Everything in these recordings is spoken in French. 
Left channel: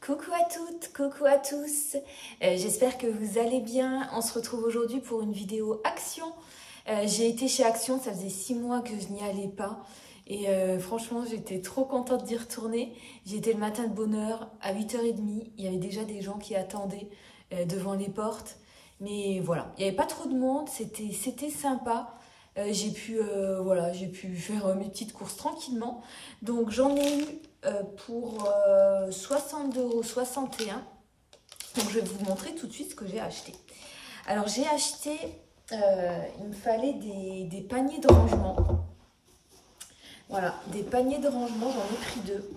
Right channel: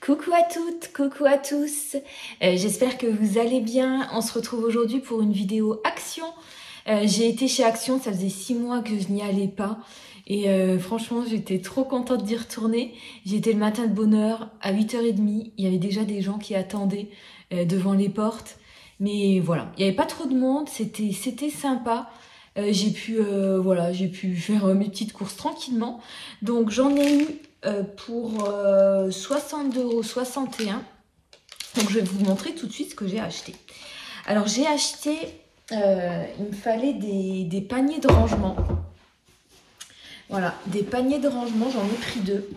Coucou à toutes, coucou à tous, j'espère que vous allez bien. On se retrouve aujourd'hui pour une vidéo Action. J'ai été chez Action, ça faisait 6 mois que je n'y allais pas et franchement j'étais trop contente d'y retourner. J'y étais le matin de bonne heure, à 8h30, il y avait déjà des gens qui attendaient devant les portes. Mais voilà, il n'y avait pas trop de monde, c'était sympa. J'ai pu faire mes petites courses tranquillement. Donc j'en ai eu pour 62,61 €. Donc je vais vous montrer tout de suite ce que j'ai acheté. Alors j'ai acheté, il me fallait des paniers de rangement. Voilà, des paniers de rangement, j'en ai pris 2.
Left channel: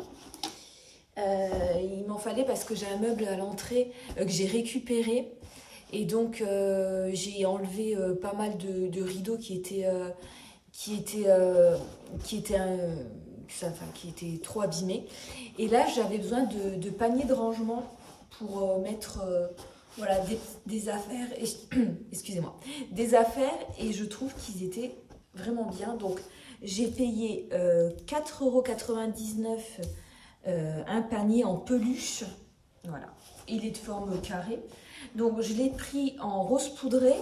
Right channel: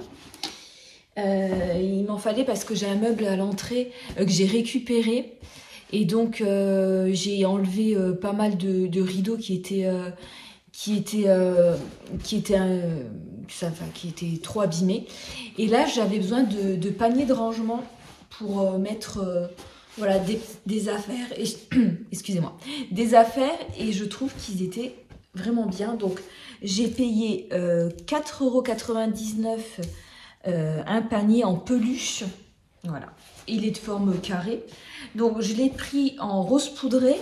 Il m'en fallait parce que j'ai un meuble à l'entrée que j'ai récupéré. Et donc j'ai enlevé pas mal de rideaux qui étaient trop abîmés. Et là j'avais besoin de paniers de rangement pour mettre voilà, des affaires. Et, excusez-moi, des affaires, et je trouve qu'ils étaient vraiment bien. Donc j'ai payé 4,99 € un panier en peluche. Voilà, il est de forme carrée. Donc je l'ai pris en rose poudré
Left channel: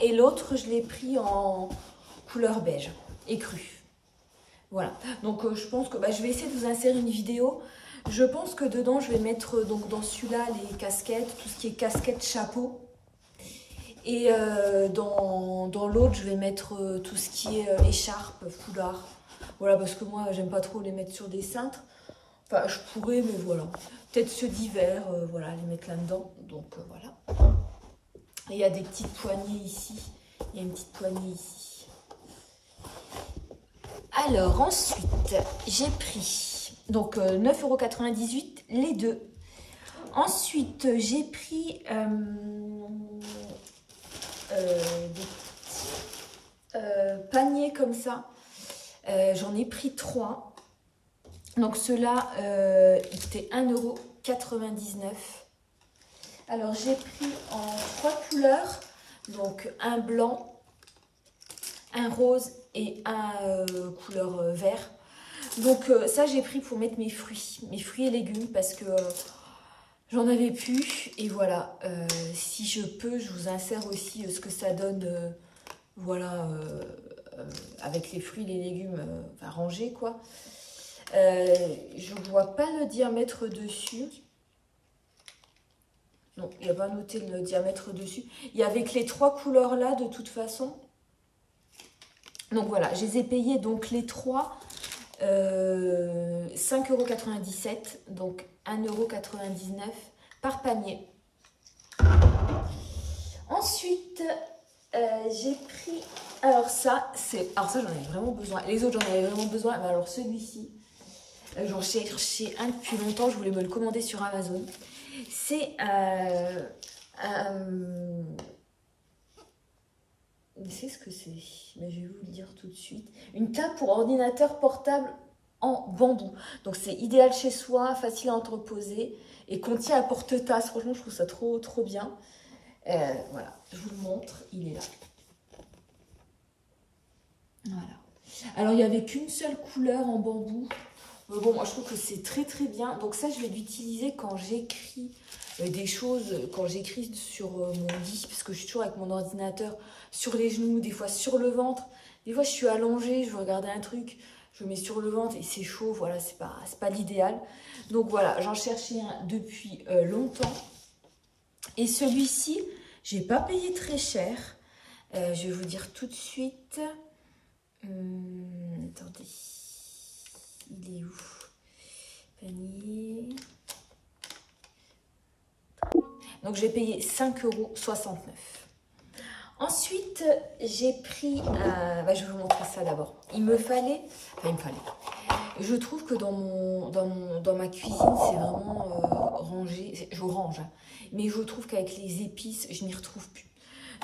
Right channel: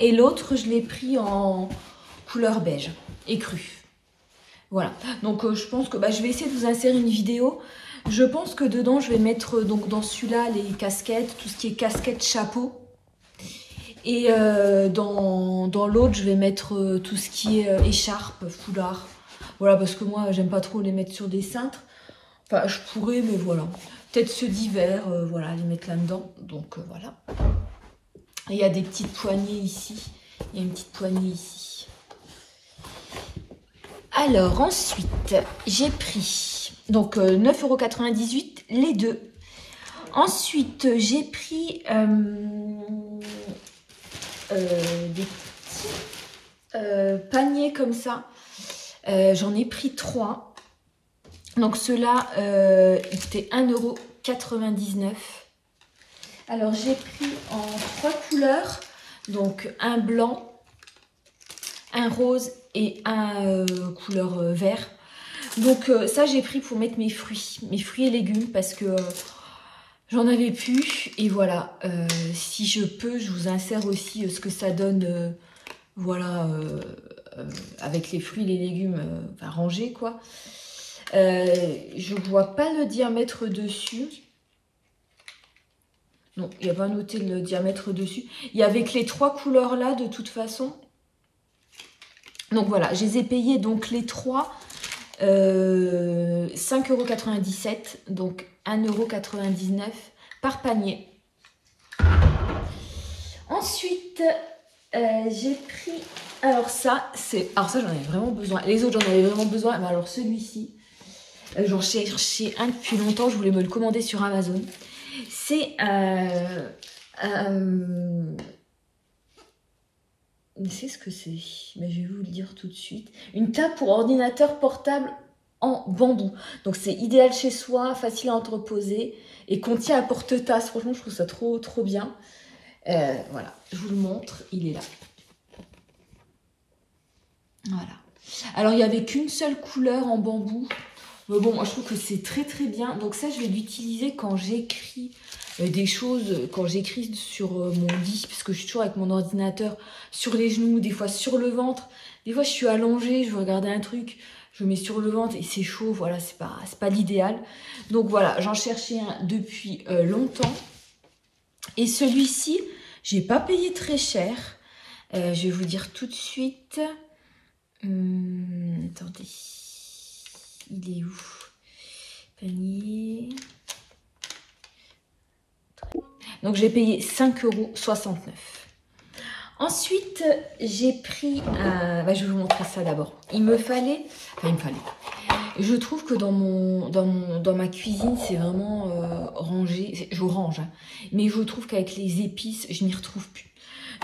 et l'autre je l'ai pris en couleur beige écru. Voilà, donc je pense que je vais essayer de vous insérer une vidéo. Je pense que dedans je vais mettre donc dans celui-là les casquettes, tout ce qui est casquette, chapeau. Et dans l'autre je vais mettre tout ce qui est écharpe, foulard. Voilà, parce que moi j'aime pas trop les mettre sur des cintres. Enfin je pourrais, mais voilà. Peut-être ceux d'hiver, voilà, les mettre là-dedans. Donc voilà. Et il y a des petites poignées ici. Il y a une petite poignée ici. Alors ensuite, j'ai pris donc 9,98 € les deux. Ensuite, j'ai pris des petits paniers comme ça. J'en ai pris 3. Donc ceux-là, ils étaient 1,99 €. Alors j'ai pris en 3 couleurs, donc un blanc, un rose et un couleur vert. Donc ça j'ai pris pour mettre mes fruits et légumes, parce que j'en avais plus. Et voilà, si je peux, je vous insère aussi ce que ça donne, voilà, avec les fruits et les légumes rangés quoi. Je vois pas le diamètre dessus. Non, il n'y a pas noté le diamètre dessus. Il y avait que les 3 couleurs là de toute façon. Donc voilà, je les ai payés donc les 3 5,97 €, donc 1,99 € par panier. Ensuite, j'ai pris, alors ça j'en avais vraiment besoin. Les autres j'en avais vraiment besoin, mais alors celui-ci, j'en cherchais un depuis longtemps, je voulais me le commander sur Amazon. C'est c'est ce que c'est, mais je vais vous le dire tout de suite. Une table pour ordinateur portable en bambou. Donc c'est idéal chez soi, facile à entreposer et contient un porte-tasse. Franchement, je trouve ça trop bien. Voilà, je vous le montre, il est là. Voilà. Alors il n'y avait qu'une seule couleur en bambou. Mais bon, moi je trouve que c'est très bien. Donc ça, je vais l'utiliser quand j'écris des choses, quand j'écris sur mon lit, parce que je suis toujours avec mon ordinateur sur les genoux, des fois sur le ventre. Des fois je suis allongée, je veux regarder un truc, je mets sur le ventre et c'est chaud. Voilà, c'est pas l'idéal. Donc voilà, j'en cherchais un depuis longtemps. Et celui-ci, j'ai pas payé très cher. Je vais vous dire tout de suite. Attendez. Il est où? Panier. Donc j'ai payé 5,69 €. Ensuite, j'ai pris je vais vous montrer ça d'abord. Je trouve que dans ma cuisine, c'est vraiment rangé. Je range, hein, mais je trouve qu'avec les épices, je m'y retrouve plus.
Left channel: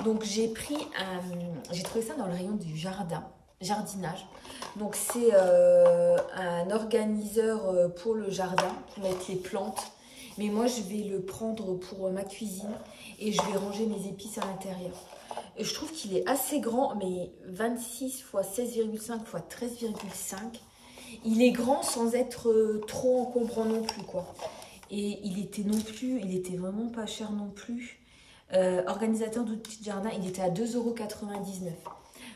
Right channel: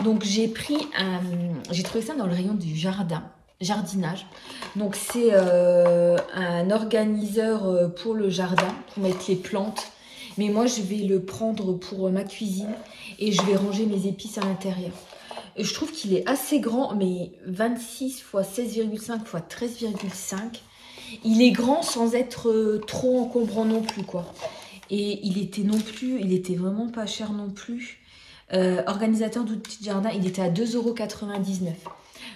Donc j'ai trouvé ça dans le rayon du jardinage. Donc c'est un organiseur pour le jardin, pour mettre les plantes. Mais moi je vais le prendre pour ma cuisine et je vais ranger mes épices à l'intérieur. Je trouve qu'il est assez grand, mais 26 x 16,5 x 13,5. il est grand sans être trop encombrant non plus, quoi. Et il était vraiment pas cher non plus. Organisateur d'outils de jardin, il était à 2,99 €.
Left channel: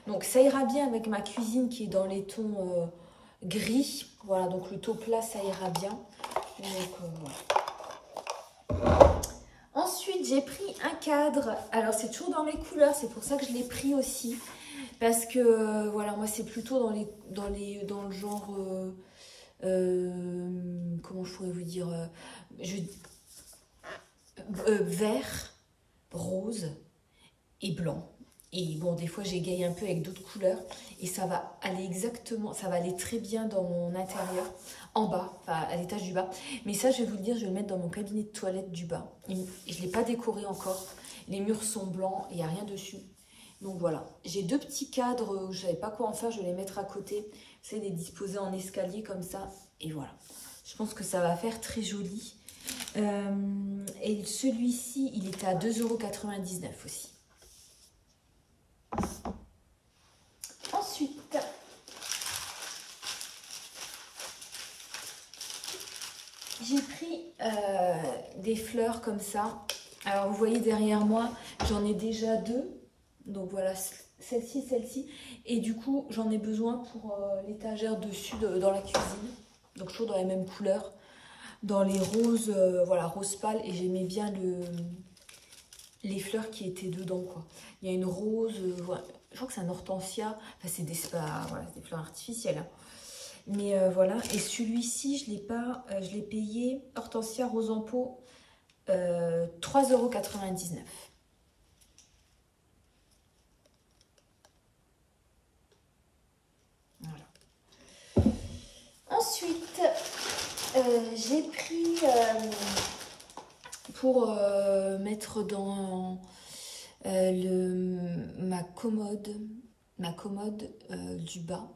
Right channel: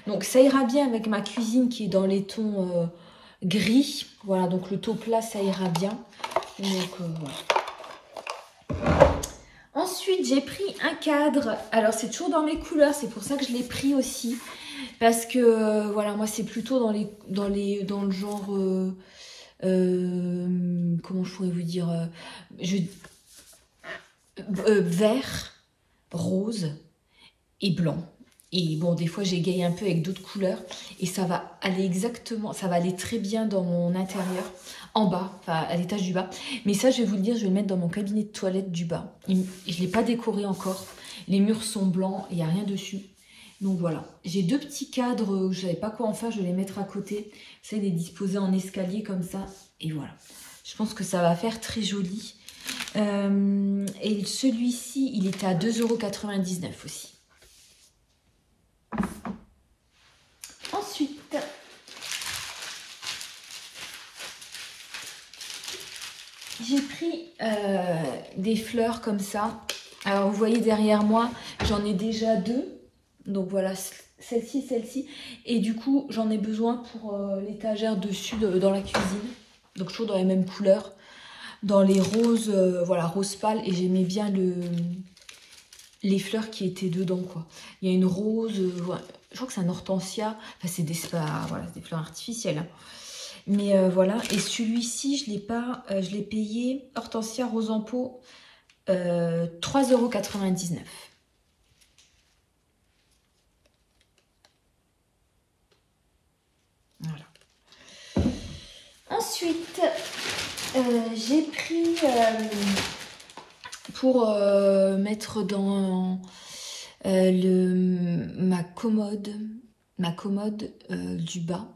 Donc ça ira bien avec ma cuisine qui est dans les tons gris. Voilà, donc le taux plat, ça ira bien. Donc voilà. Ensuite, j'ai pris un cadre. Alors, c'est toujours dans mes couleurs. C'est pour ça que je l'ai pris aussi. Parce que, voilà, moi, c'est plutôt dans le genre... comment je pourrais vous dire vert, rose et blanc. Et bon, des fois, j'égaye un peu avec d'autres couleurs. Et ça va aller très bien dans mon intérieur, en bas, enfin à l'étage du bas. Mais ça, je vais vous le dire, je vais le mettre dans mon cabinet de toilette du bas. Je ne l'ai pas décoré encore. Les murs sont blancs, il n'y a rien dessus. Donc voilà, j'ai 2 petits cadres, je ne savais pas quoi en faire, je vais les mettre à côté. C'est les disposer en escalier comme ça. Et voilà, je pense que ça va faire très joli. Et celui-ci, il était à 2,99 € aussi. Ensuite, j'ai pris des fleurs comme ça. Alors vous voyez derrière moi, j'en ai déjà 2. Donc voilà, celle-ci. Et du coup, j'en ai besoin pour l'étagère dessus dans la cuisine. Donc toujours dans les mêmes couleurs. Dans les roses, voilà, rose pâle. Et j'aimais bien les fleurs qui étaient dedans, quoi. Il y a une rose, ouais, je crois que c'est un hortensia. Enfin, c'est des fleurs artificielles. Hein. Mais voilà, et celui-ci, je l'ai payé, hortensia rose en pot, 3,99 €. Voilà. Ensuite, j'ai pris pour mettre dans ma commode du bas.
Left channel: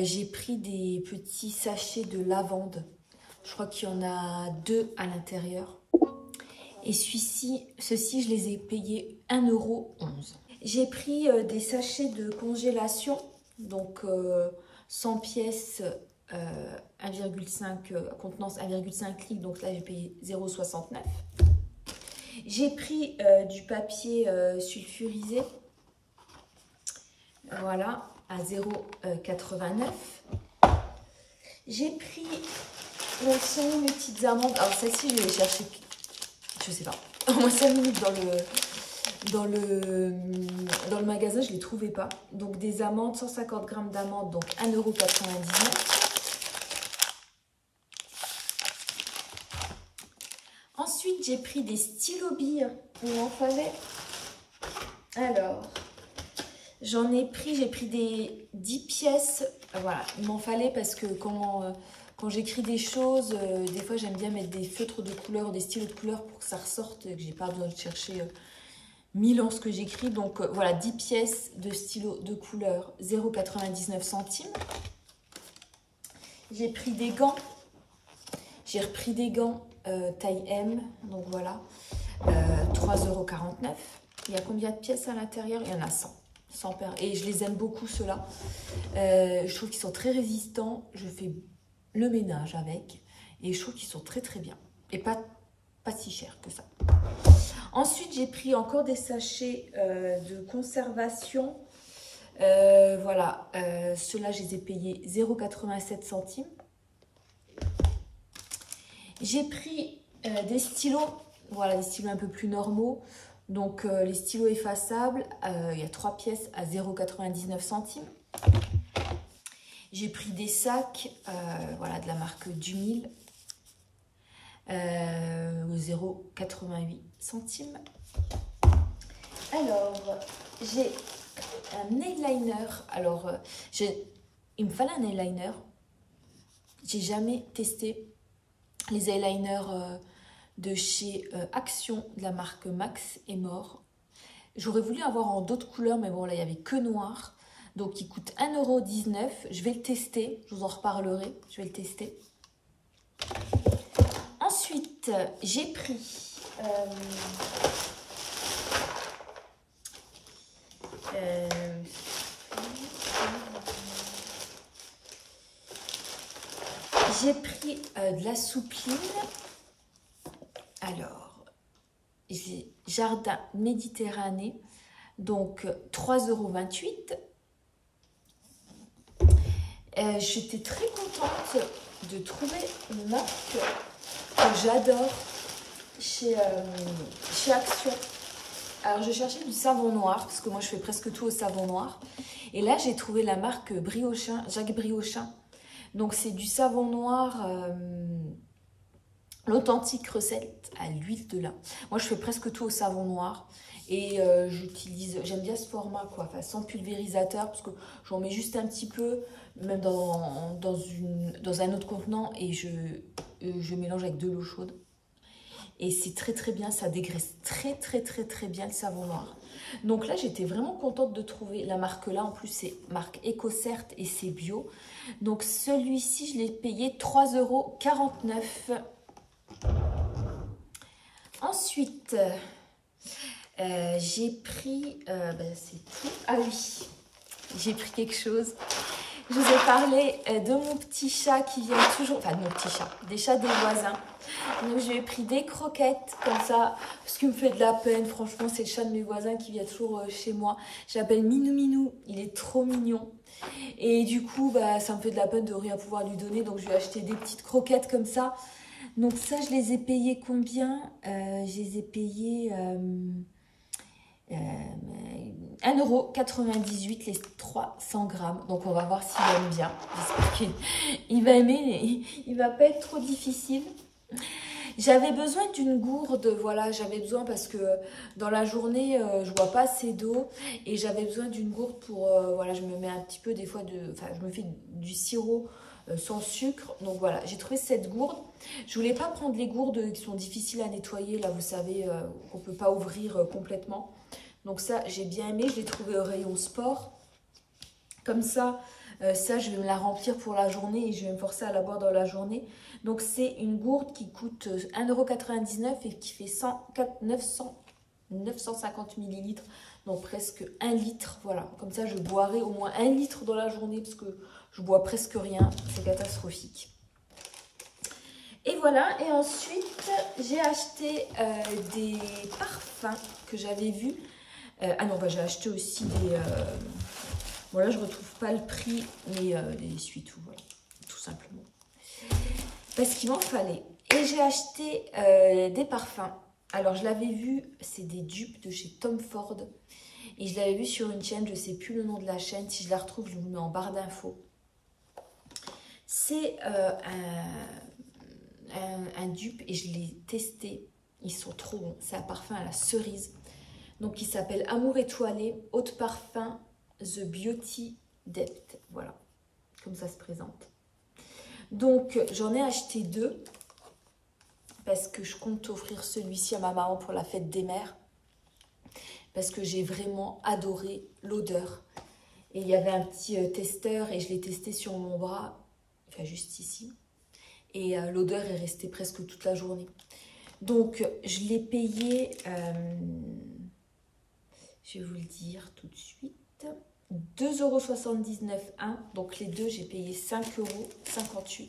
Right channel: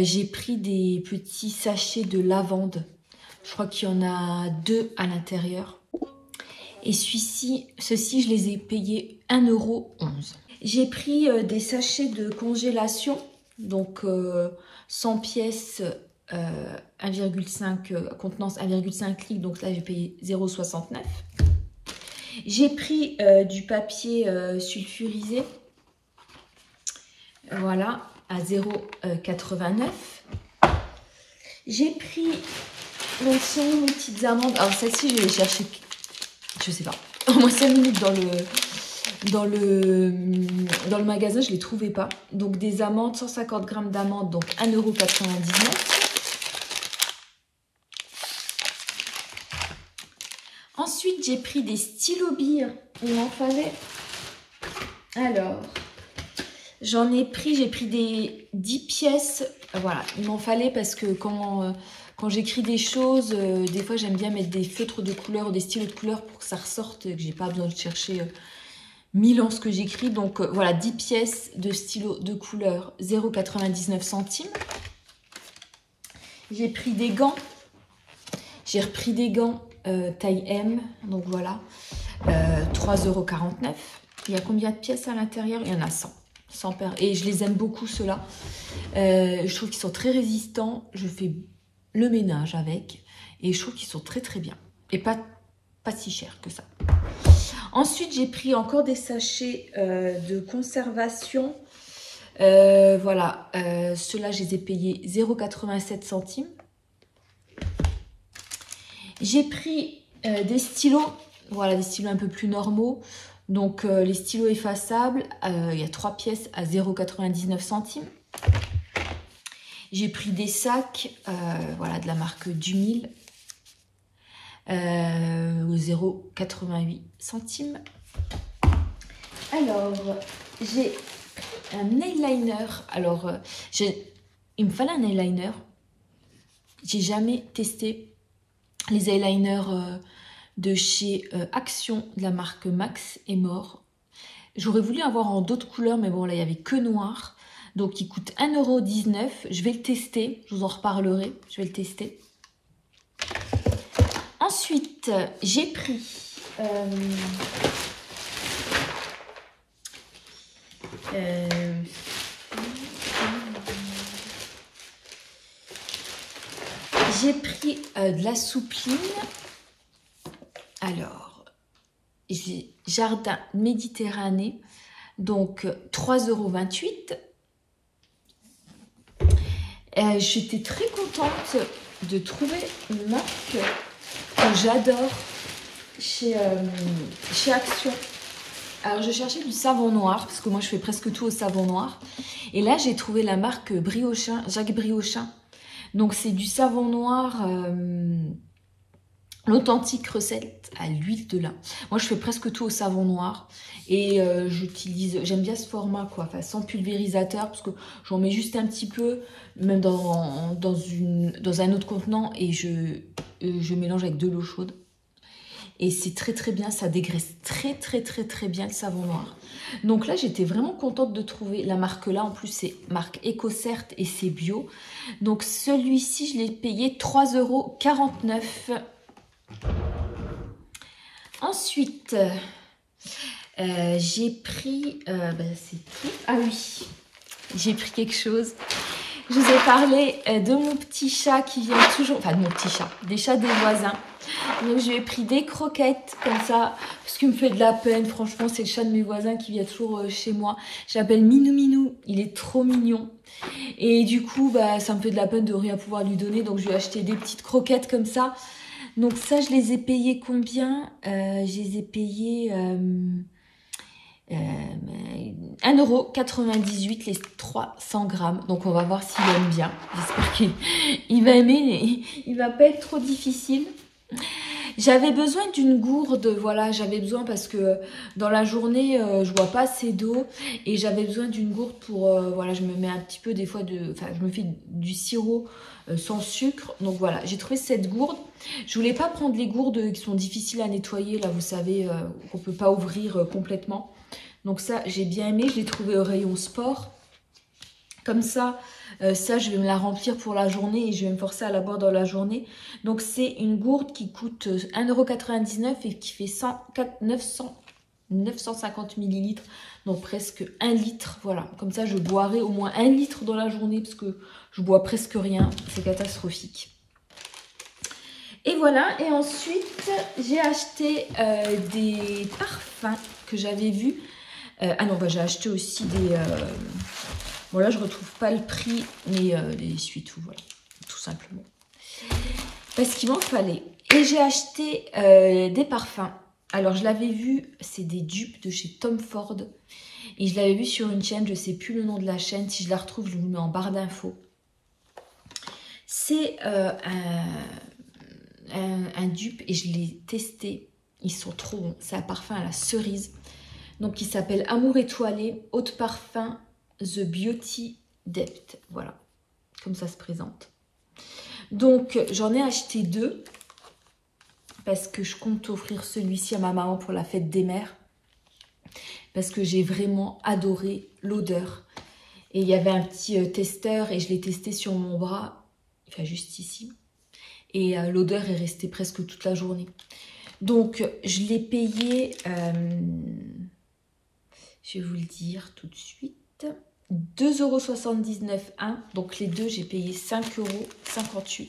J'ai pris des petits sachets de lavande. Je crois qu'il y en a 2 à l'intérieur. Et ceux-ci, je les ai payés 1,11 €. J'ai pris des sachets de congélation. Donc 100 pièces, 1,5 contenance 1,5 litres. Donc là, j'ai payé 0,69 €. J'ai pris du papier sulfurisé. Voilà, à 0,89 €. J'ai pris, donc sont mes petites amandes. Alors celle-ci, je vais les chercher, je sais pas, au moins 5 minutes dans le magasin, je les trouvais pas. Donc des amandes, 150 g d'amandes, donc 1,99 €. Ensuite, j'ai pris des stylos billes. Il m'en fallait. Alors, j'ai pris des 10 pièces. Voilà, il m'en fallait parce que quand j'écris des choses, des fois j'aime bien mettre des feutres de couleur ou des stylos de couleur pour que ça ressorte, que j'ai pas besoin de chercher 1000 ans ce que j'écris. Donc voilà, 10 pièces de stylos de couleur, 0,99 €. J'ai pris des gants. J'ai repris des gants taille M. Donc voilà, 3,49 €. Il y a combien de pièces à l'intérieur? Il y en a 100. Et je les aime beaucoup, ceux-là. Je trouve qu'ils sont très résistants. Je fais le ménage avec. Et je trouve qu'ils sont très très bien. Et pas si chers que ça. Ensuite, j'ai pris encore des sachets de conservation. Voilà. Ceux-là, je les ai payés 0,87 €. J'ai pris des stylos. Voilà, des stylos un peu plus normaux. Donc les stylos effaçables, il y a 3 pièces à 0,99 €. J'ai pris des sacs, voilà, de la marque Dumil, 0,88 €. Alors, j'ai un eyeliner. Alors, il me fallait un eyeliner. J'ai jamais testé les eyeliners de chez Action, de la marque Max et More. J'aurais voulu avoir en d'autres couleurs, mais bon, là, il n'y avait que noir. Donc, il coûte 1,19 €. Je vais le tester, je vous en reparlerai. Je vais le tester. Ensuite, j'ai pris... J'ai pris de la soupline. Alors, j'ai Jardin Méditerranée. Donc, 3,28 €. J'étais très contente de trouver une marque que j'adore chez Action. Alors, je cherchais du savon noir, parce que moi, je fais presque tout au savon noir. Et là, j'ai trouvé la marque Briochin, Jacques Briochin. Donc, c'est du savon noir, l'authentique recette à l'huile de lin. Moi, je fais presque tout au savon noir. Et j'aime bien ce format, quoi. Enfin, sans pulvérisateur, parce que j'en mets juste un petit peu, même dans un autre contenant, et je mélange avec de l'eau chaude. Et c'est très très bien, ça dégraisse très très très très bien le savon noir. Donc là, j'étais vraiment contente de trouver la marque là. En plus, c'est marque EcoCert et c'est bio. Donc celui-ci, je l'ai payé 3,49 €. Ensuite, j'ai pris... c'est tout. Ah oui, j'ai pris quelque chose. Je vous ai parlé de mon petit chat qui vient toujours... Enfin, de mon petit chat, des chats des voisins. Donc, je lui ai pris des croquettes comme ça, parce qu'il me fait de la peine. Franchement, c'est le chat de mes voisins qui vient toujours chez moi. J'appelle Minou Minou. Il est trop mignon. Et du coup, ça me fait de la peine de rien pouvoir lui donner. Donc, je lui ai acheté des petites croquettes comme ça. Donc, ça, je les ai payées combien? Je les ai payées... 1,98 € les 300 grammes. Donc on va voir s'il aime bien. J'espère qu'il va aimer, mais il va pas être trop difficile. J'avais besoin d'une gourde, voilà, j'avais besoin parce que dans la journée, je bois pas assez d'eau et j'avais besoin d'une gourde pour, voilà, je me mets un petit peu des fois je me fais du sirop sans sucre. Donc voilà, j'ai trouvé cette gourde. Je voulais pas prendre les gourdes qui sont difficiles à nettoyer, là, vous savez, qu'on peut pas ouvrir complètement. Donc ça, j'ai bien aimé, je l'ai trouvé au rayon sport. Comme ça, je vais me la remplir pour la journée et je vais me forcer à la boire dans la journée. Donc c'est une gourde qui coûte 1,99 € et qui fait 950 ml. Donc presque 1 litre, voilà. Comme ça, je boirai au moins 1 litre dans la journée parce que je bois presque rien. C'est catastrophique. Et voilà, et ensuite, j'ai acheté des parfums que j'avais vus. Ah non, j'ai acheté aussi des... Bon là, je retrouve pas le prix, mais des essuie-tout, voilà, tout simplement. Parce qu'il m'en fallait. Et j'ai acheté des parfums. Alors, je l'avais vu, c'est des dupes de chez Tom Ford. Et je l'avais vu sur une chaîne, je sais plus le nom de la chaîne. Si je la retrouve, je vous le mets en barre d'infos. C'est un dupe et je l'ai testé. Ils sont trop bons. C'est un parfum à la cerise. Donc, il s'appelle Amour étoilé, eau de parfum, The Beauty Depth. Voilà, comme ça se présente. Donc, j'en ai acheté 2 parce que je compte offrir celui-ci à ma maman pour la fête des mères. Parce que j'ai vraiment adoré l'odeur. Et il y avait un petit testeur et je l'ai testé sur mon bras, enfin juste ici. Et l'odeur est restée presque toute la journée. Donc, je l'ai payé... je vais vous le dire tout de suite. 2,79 € un. Donc les deux, j'ai payé 5,58 €.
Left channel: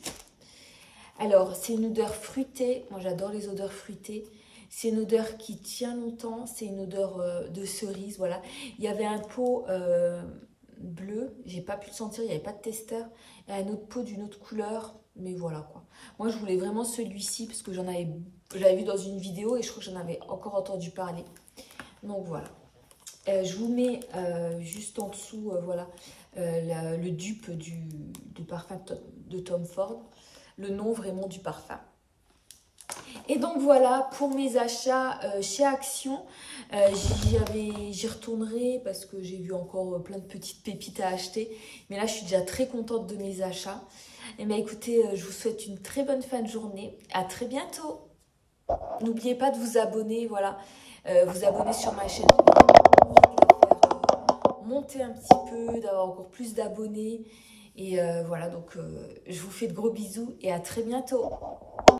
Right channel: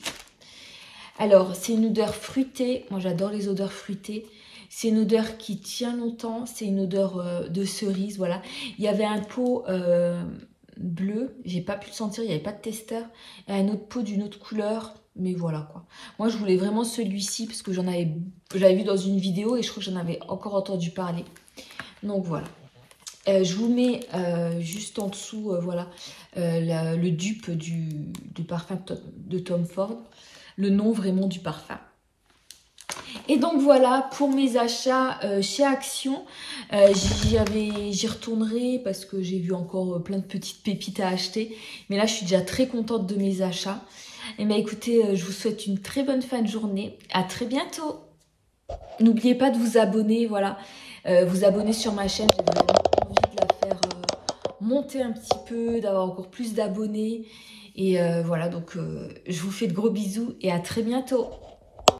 Alors, c'est une odeur fruitée. Moi, j'adore les odeurs fruitées. C'est une odeur qui tient longtemps. C'est une odeur de cerise. Voilà. Il y avait un pot bleu. J'ai pas pu le sentir. Il n'y avait pas de testeur. Et un autre pot d'une autre couleur. Mais voilà quoi. Moi, je voulais vraiment celui-ci parce que je l'avais vu dans une vidéo et je crois que j'en avais encore entendu parler. Donc voilà. Je vous mets juste en dessous, voilà, le dupe du parfum de Tom Ford, le nom vraiment du parfum. Et donc voilà pour mes achats chez Action. J'y retournerai parce que j'ai vu encore plein de petites pépites à acheter. Mais là, je suis déjà très contente de mes achats. Et bien écoutez, je vous souhaite une très bonne fin de journée. À très bientôt. N'oubliez pas de vous abonner, voilà, vous abonner sur ma chaîne. Monter un petit peu, d'avoir encore plus d'abonnés. Et voilà, donc je vous fais de gros bisous et à très bientôt.